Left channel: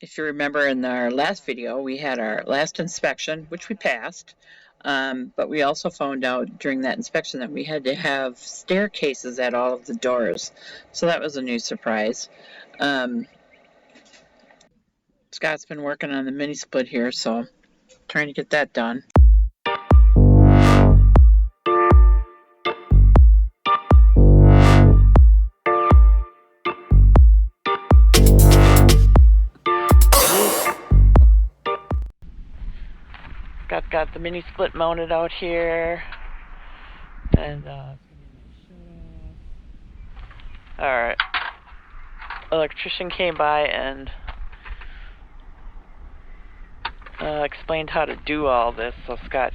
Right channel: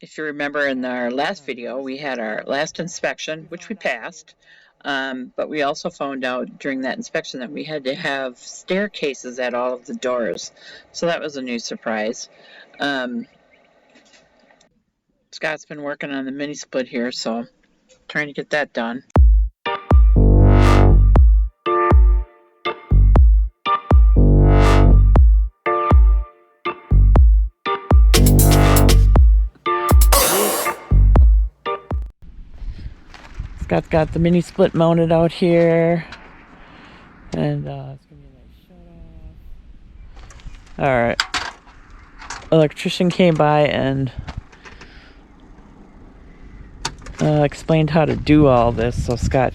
if you remember in our last video, we had our last inspection, which we passed. But we also found out during that inspection that we had to have staircases at all of the doors. So that was a new surprise. Scott's been working on the mini split here, so trying to get that done. Scott's got the mini split mounted out here, and all right. Electrician came by and explained how to do all this, so Scott,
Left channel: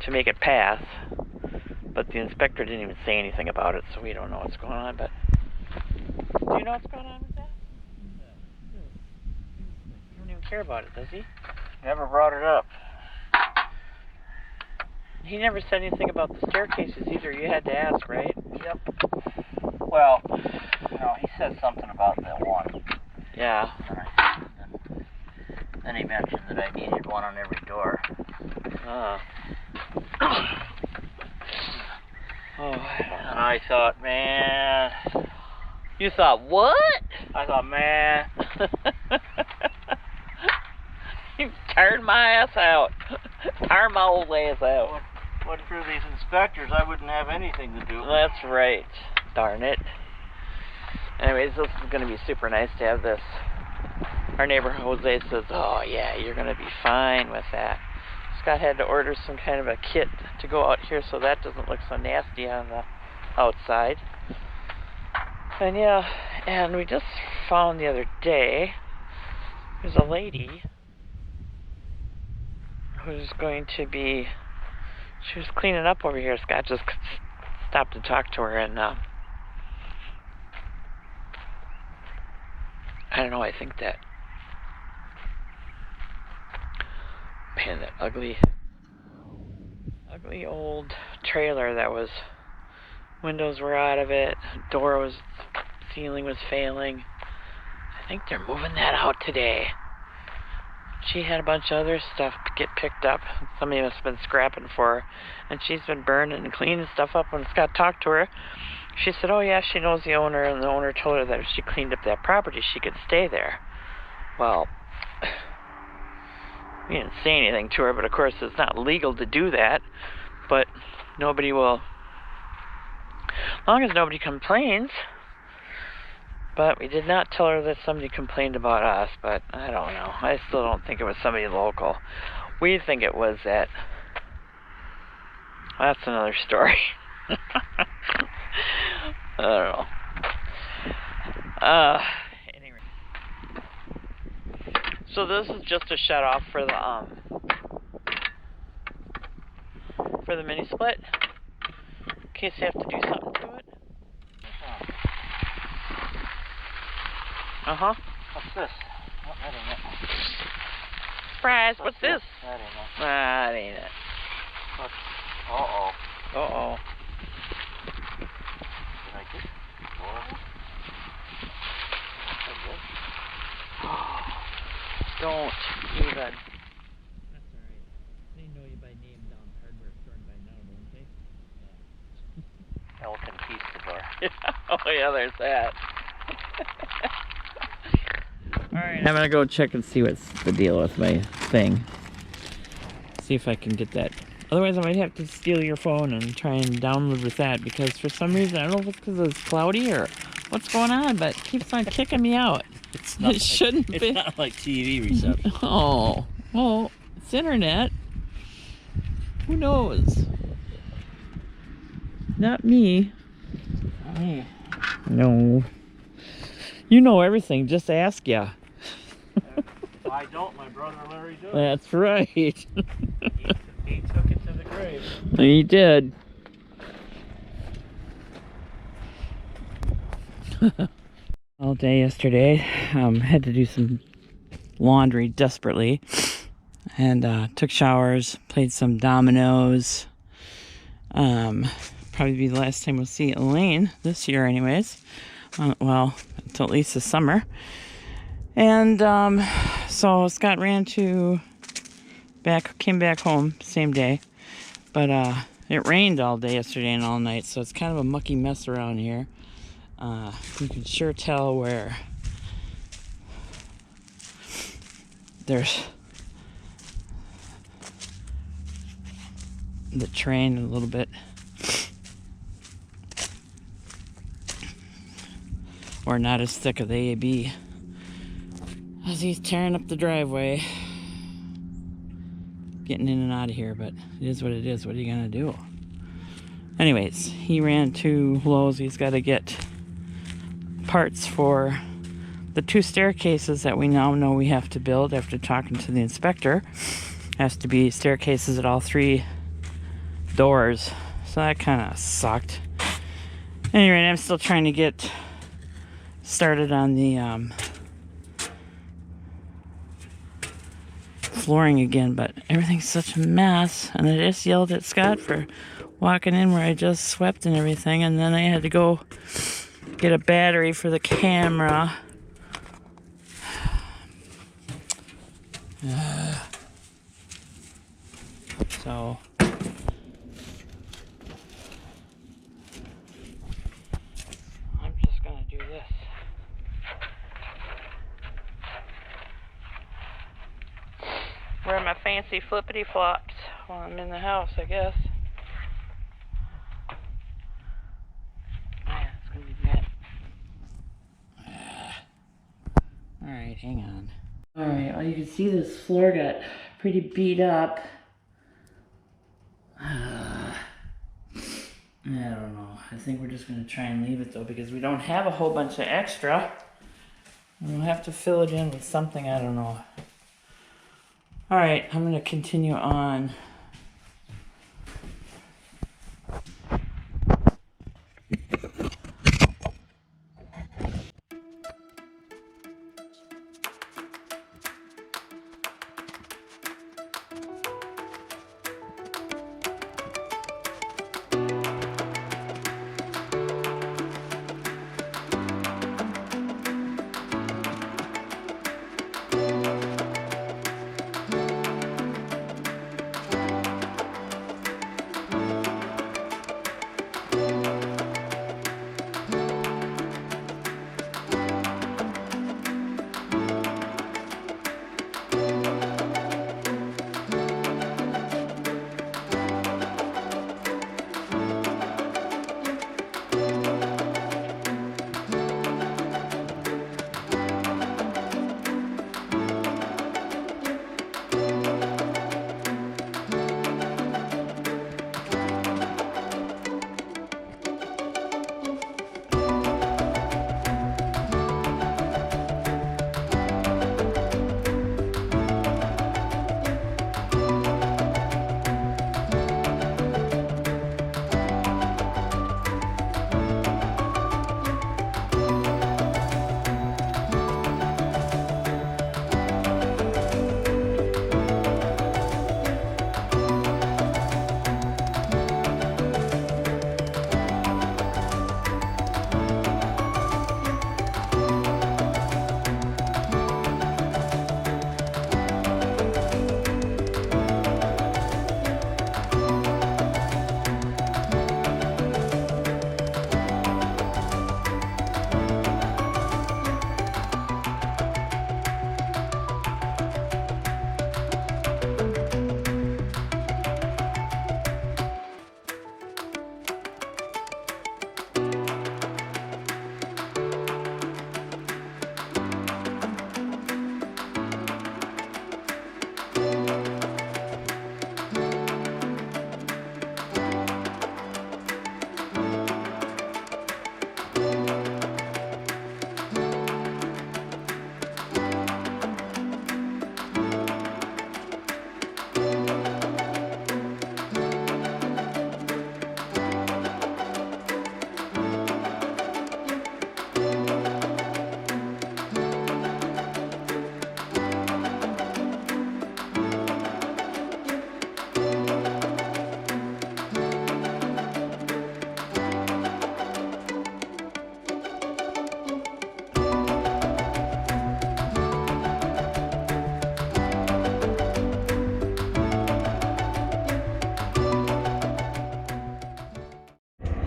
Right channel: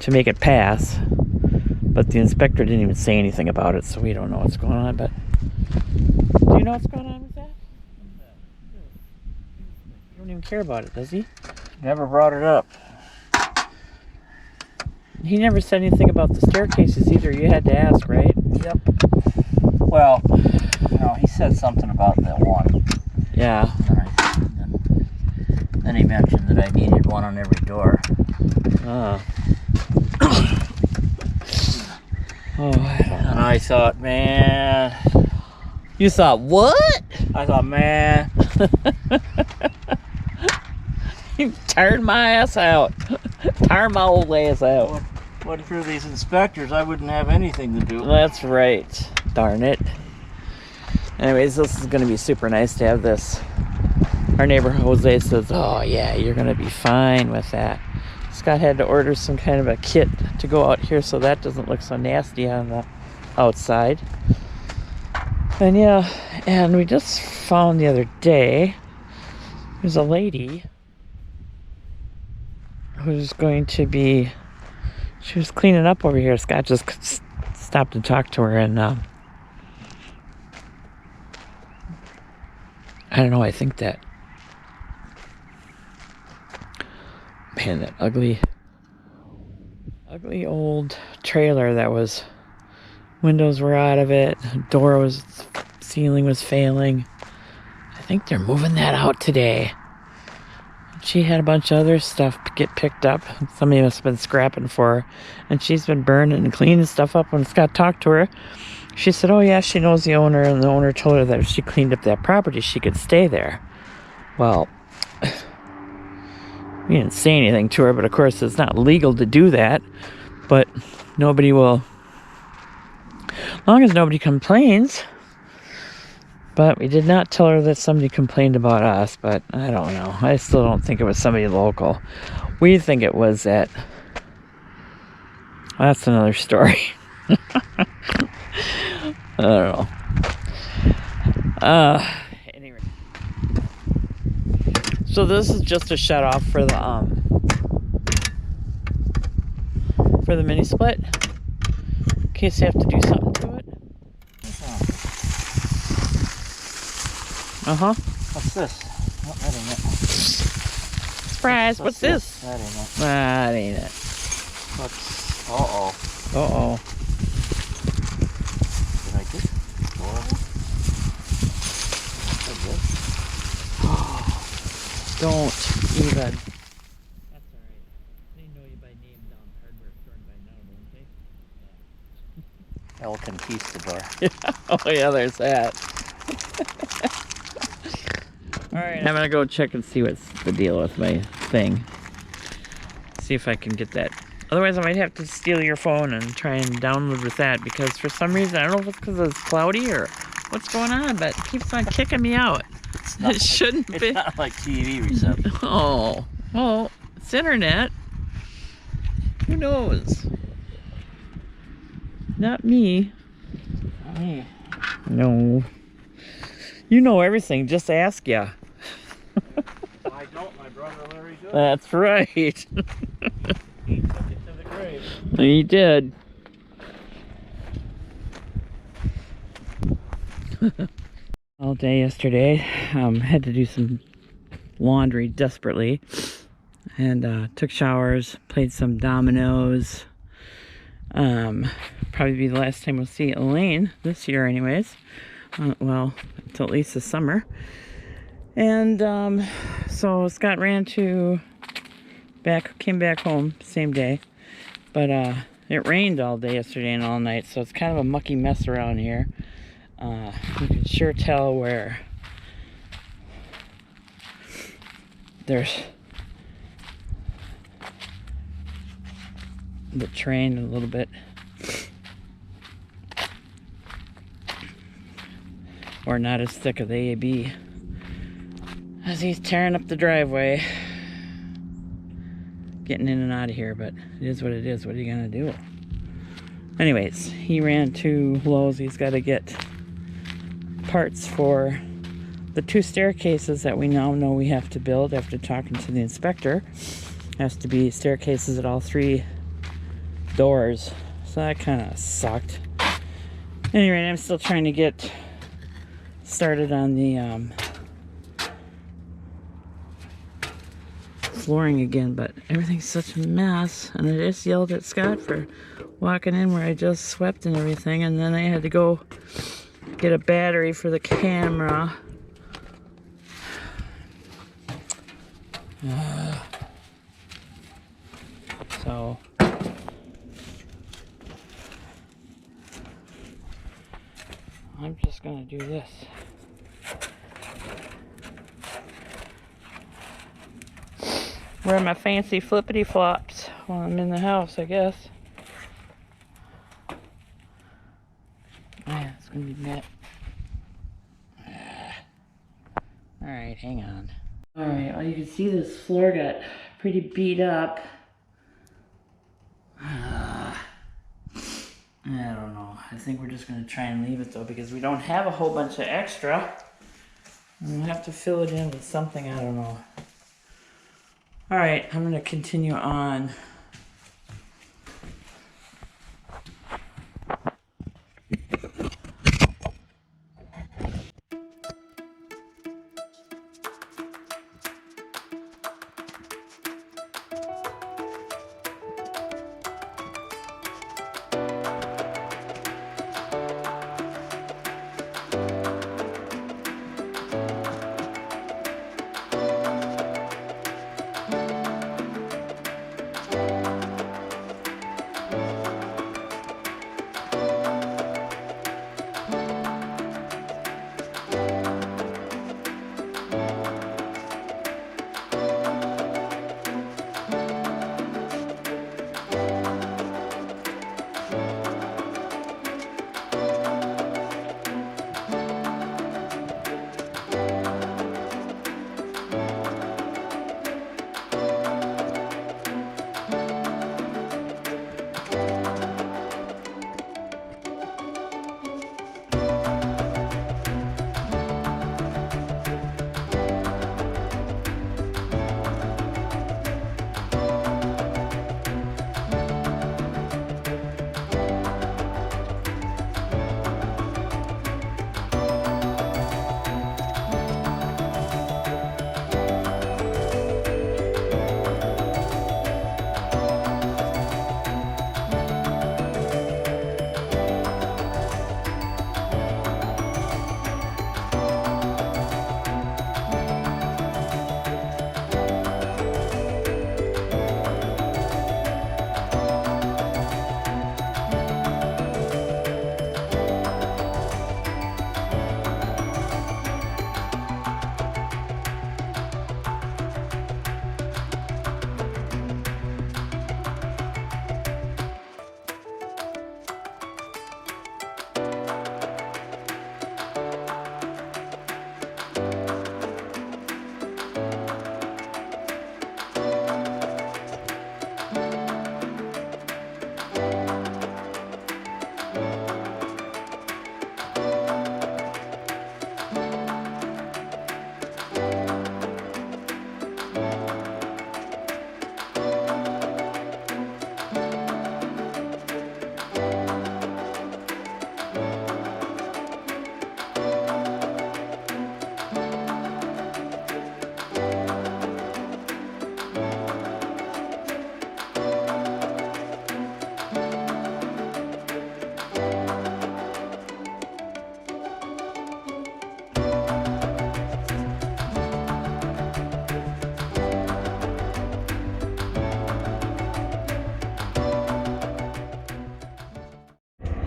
to make it pass. But the inspector didn't even say anything about it, so we don't know what's going on. But do you know what's going on with that? He doesn't even care about it, does he? Never brought it up. He never said anything about the staircases either. You had to ask, right? Yep. Well, no, he said something about that one. Yeah. Then he mentioned that I needed one on every door. Oh, And I thought, man. You thought what? I thought, man. You tired my ass out. Tired my old ass out. What for these inspectors? I wouldn't have anything to do. That's right. Darn it. Anyways, this is going to be super nice to have this. Our neighbor Jose says, oh yeah, you're going to be fine with that. Scott had to order some kind of a kit to go out here so that doesn't look so nasty on the outside. And yeah, and we just found the other day, there's a lady who's going to be, she was cleaning up over here. Scott just stopped to talk to her, and I don't know, I think that, man, that ugly old trailer that was, windows were out of it, ceiling was failing. I think they're moving that out today. She had a bunch of other stuff get picked up. Somebody must have been scrapping for her. And she's been burning and cleaning stuff up. When Scott talked to her, she said, oh yeah, she knows the owner, and the owner told her that if she cleaned up that property, she could stay there. Well, we didn't say anything to her, but of course it's not legal to do that. But nobody will, as long as nobody complains. But we did not tell her that somebody complained about us, but I don't know. I still don't think it was somebody local. We think it was that. That's another story. I don't know. Anyway. So this is just a shut off for the mini split. In case you have to do something to it. Uh-huh. What's this? Oh, that ain't it. Surprise, what's this? That ain't it. That ain't it. What's... Uh-oh. Uh-oh. Did I get adorable? Don't even. That's alright. They know you by name down hardware store by now, don't they? El Conquistador. Oh yeah, there's that. Alright, I'm gonna go check and see what's the deal with my thing. See if I can get that. Otherwise I might have to steal your phone and try and download with that, because for some reason, I don't know if it's because it's cloudy or what's going on, but it keeps on kicking me out. It shouldn't be. It's not like TV reception. Oh, well, it's internet. Who knows? Not me. Not me. No. You know everything, just ask ya. I don't, my brother Larry does. That's right. He took it to the grave. He did. All day yesterday, had to do some laundry desperately, and took showers, played some dominoes. Probably be the last time we'll see Elaine this year anyways. Well, until at least the summer. And so Scott came back home same day, but it rained all day yesterday and all night, so it's kind of a mucky mess around here. You can sure tell where there's the train a little bit, or not as thick of the AAB as he's tearing up the driveway, getting in and out of here. But it is what it is. What are you gonna do? Anyways, he ran to Lowe's. He's got to get parts for the 2 staircases that we now know we have to build after talking to the inspector. Has to be staircases at all 3 doors, so that kind of sucked. Anyway, I'm still trying to get started on the flooring again, but everything's such a mess. And I just yelled at Scott for walking in where I just swept and everything, and then I had to go get a battery for the camera. So I'm just gonna do this. Wear my fancy flippity flops while I'm in the house, I guess. Man, it's gonna be bad. Alright, hang on. Alright, well, you can see this floor got pretty beat up. I don't know. I think we're just gonna try and leave it though, because we don't have a whole bunch of extra. And we'll have to fill it in with something, I don't know. Alright, I'm gonna continue on.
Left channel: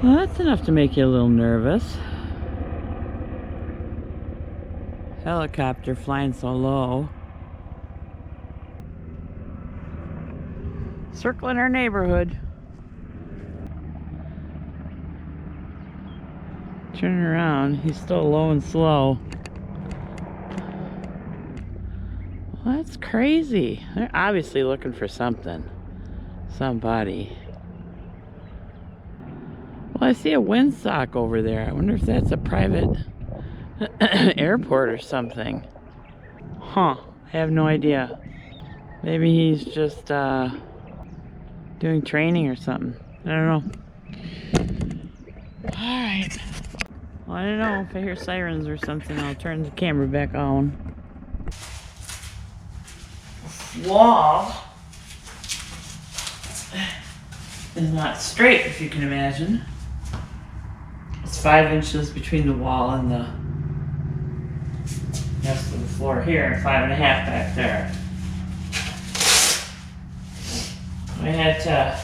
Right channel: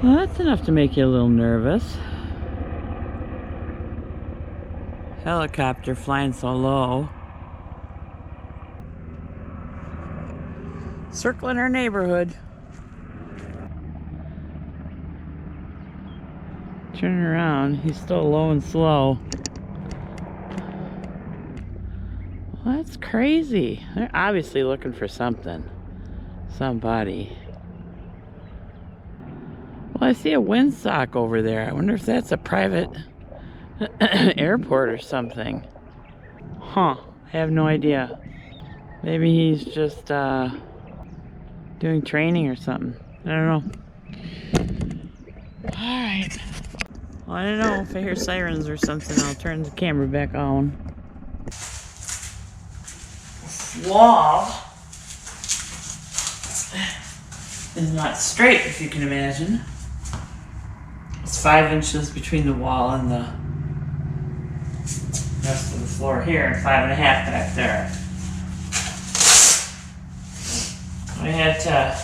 Well, that's enough to make you a little nervous. Helicopter flying so low. Circling our neighborhood. Turning around, he's still low and slow. Well, that's crazy. They're obviously looking for something. Somebody. Well, I see a windsock over there. I wonder if that's a private airport or something. Huh. I have no idea. Maybe he's just doing training or something. I don't know. Alright. Well, I don't know. If I hear sirens or something, I'll turn the camera back on. This wall is not straight, if you can imagine. It's 5 inches between the wall and the rest of the floor here, and 5.5 back there. I had to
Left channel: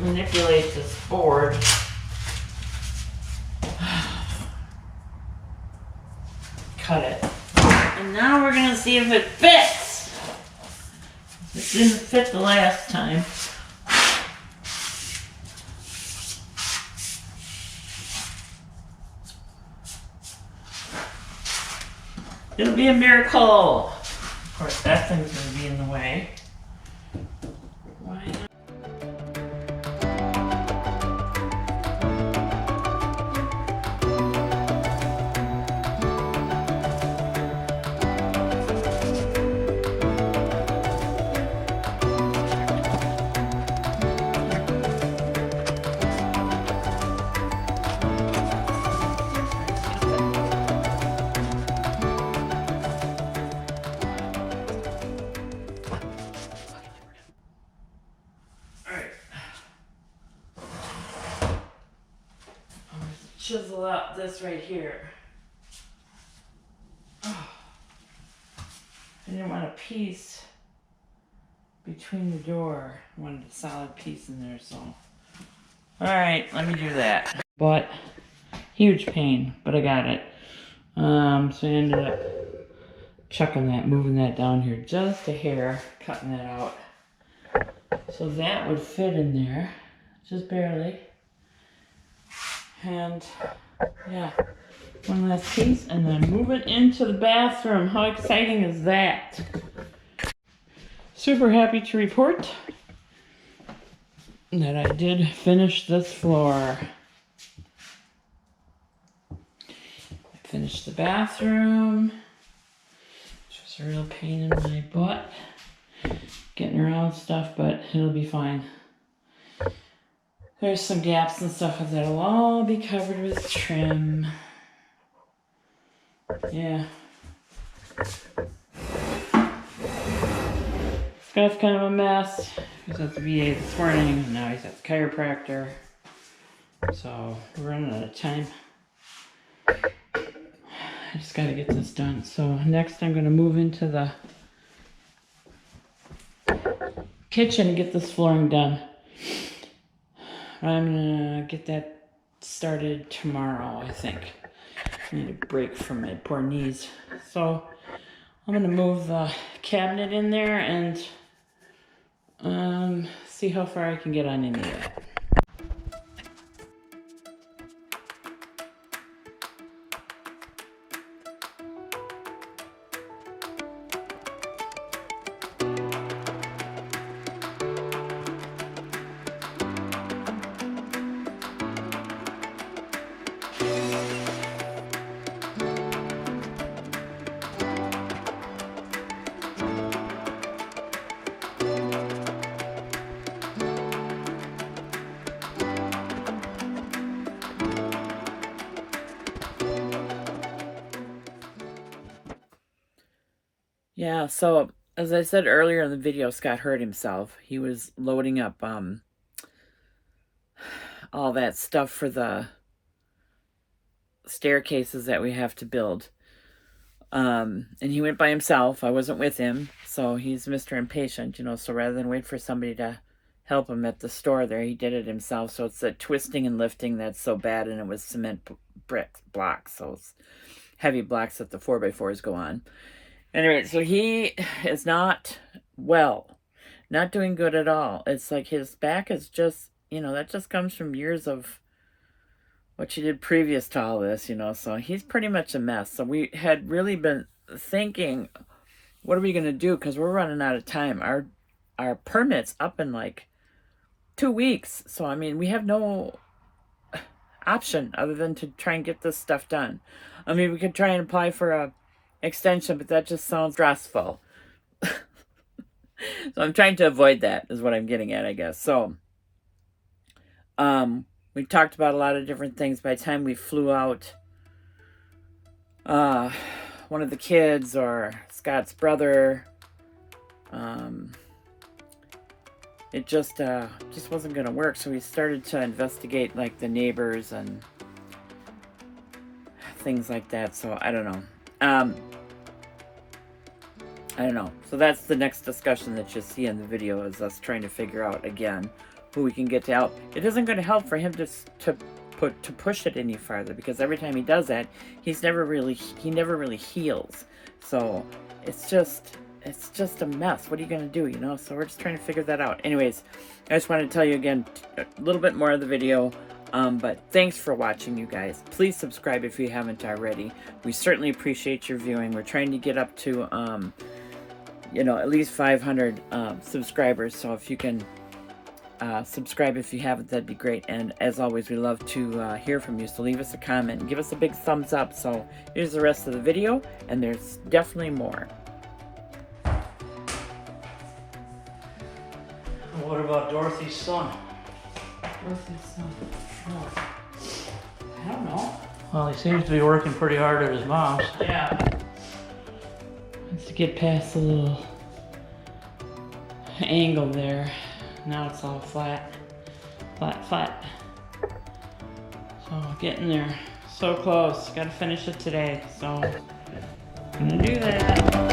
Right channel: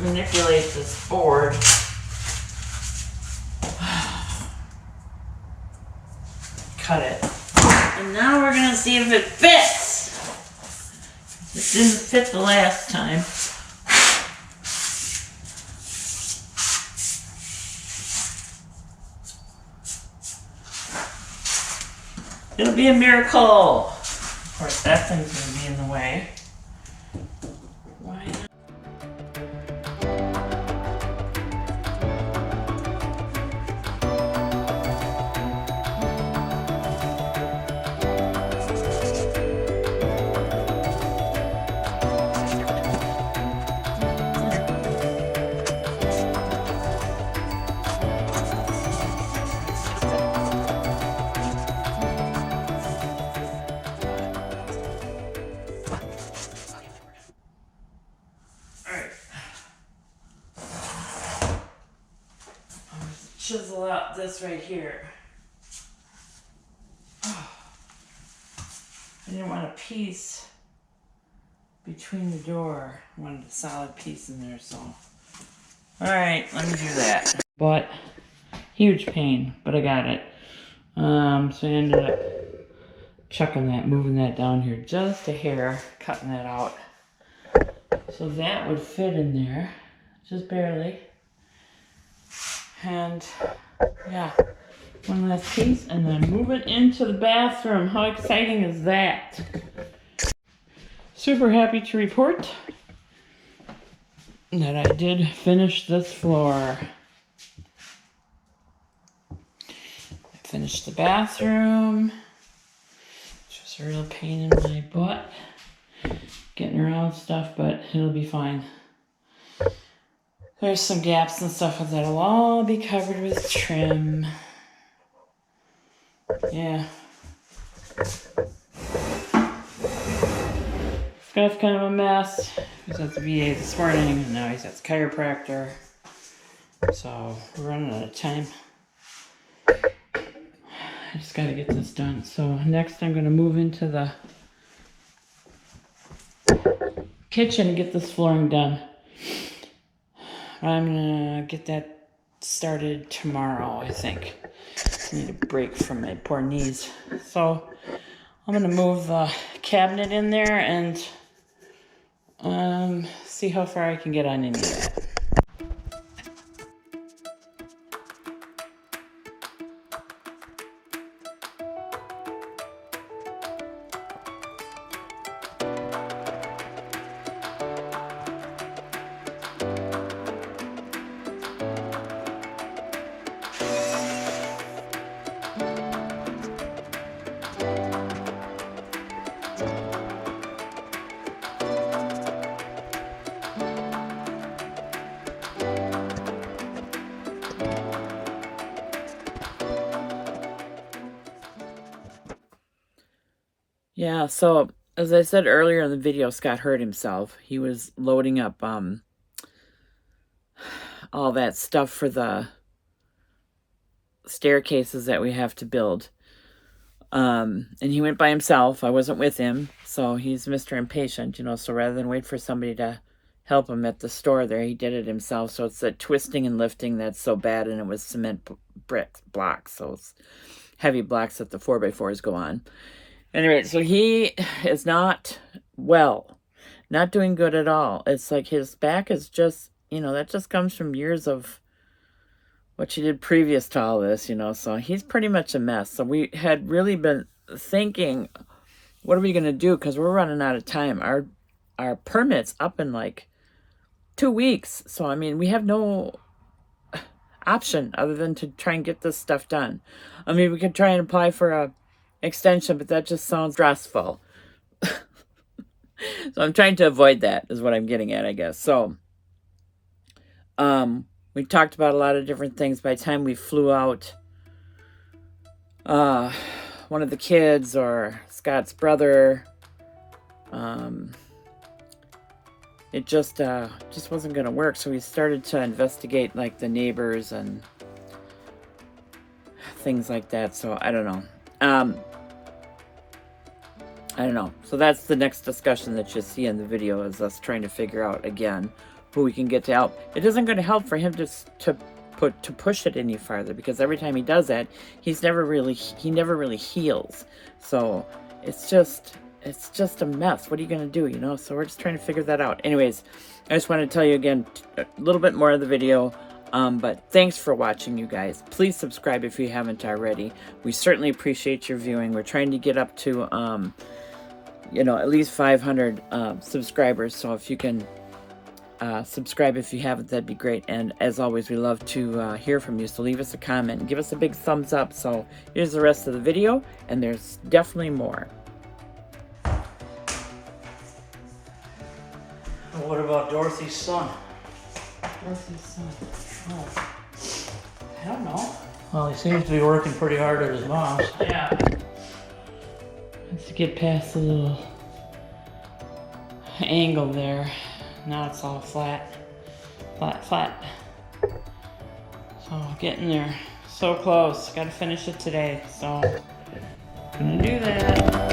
manipulate this board. Cut it. And now we're gonna see if it fits. It didn't fit the last time. It'll be a miracle. Of course, that thing's gonna be in the way. Why not? Chisel out this right here. Oh. I didn't want a piece between the door. I wanted a solid piece in there, so. Alright, let me do that. But, huge pain, but I got it. So I ended up chucking that, moving that down here just a hair, cutting that out. So that would fit in there, just barely. And yeah, one last piece and then move it into the bathroom. How exciting is that? Super happy to report that I did finish this floor. I finished the bathroom, which was a real pain in my butt getting around stuff, but it'll be fine. There's some gaps and stuff that'll all be covered with trim. Yeah. Scott's kind of a mess. He was at the VA this morning, and now he's at the chiropractor. So, we're running out of time. I just gotta get this done. So, next I'm gonna move into the kitchen and get this flooring done. I'm gonna get that started tomorrow, I think. I need a break from my poor knees. So I'm gonna move the cabinet in there and see how far I can get on any of that. Yeah, so as I said earlier in the video, Scott hurt himself. He was loading up all that stuff for the staircases that we have to build. And he went by himself. I wasn't with him, so he's Mr. Impatient, you know, so rather than wait for somebody to help him at the store there. He did it himself. So it's that twisting and lifting that's so bad, and it was cement brick blocks. So it's heavy blocks that the 4x4s go on. Anyway, so he is not well, not doing good at all. It's like his back is just, you know, that just comes from years of what she did previous to all this, you know. So he's pretty much a mess. So we had really been thinking, what are we going to do? Because we're running out of time. Our permit's up in like 2 weeks. So, I mean, we have no option other than to try and get this stuff done. I mean, we could try and apply for a extension, but that just sounds stressful. So I'm trying to avoid that is what I'm getting at, I guess. So, we talked about a lot of different things. By the time we flew out, one of the kids or Scott's brother, it just wasn't going to work. So we started to investigate like the neighbors and things like that. So I don't know. I don't know. So that's the next discussion that you see in the video, is us trying to figure out again who we can get to help. It isn't going to help for him to push it any farther, because every time he does that, he never really heals. So it's just a mess. What are you going to do, you know? So we're just trying to figure that out. Anyways, I just want to tell you again a little bit more of the video. But thanks for watching, you guys. Please subscribe if you haven't already. We certainly appreciate your viewing. We're trying to get up to, you know, at least 500 subscribers. So if you can subscribe if you haven't, that'd be great. And as always, we love to hear from you. So leave us a comment and give us a big thumbs up. So here's the rest of the video, and there's definitely more. What about Dorothy's son? Dorothy's son. Oh, I don't know. Well, he seems to be working pretty hard at his mom's. Yeah. Let's get past the little angle there. Now it's all flat. Flat. So getting there. So close. Gotta finish it today. So gonna do that.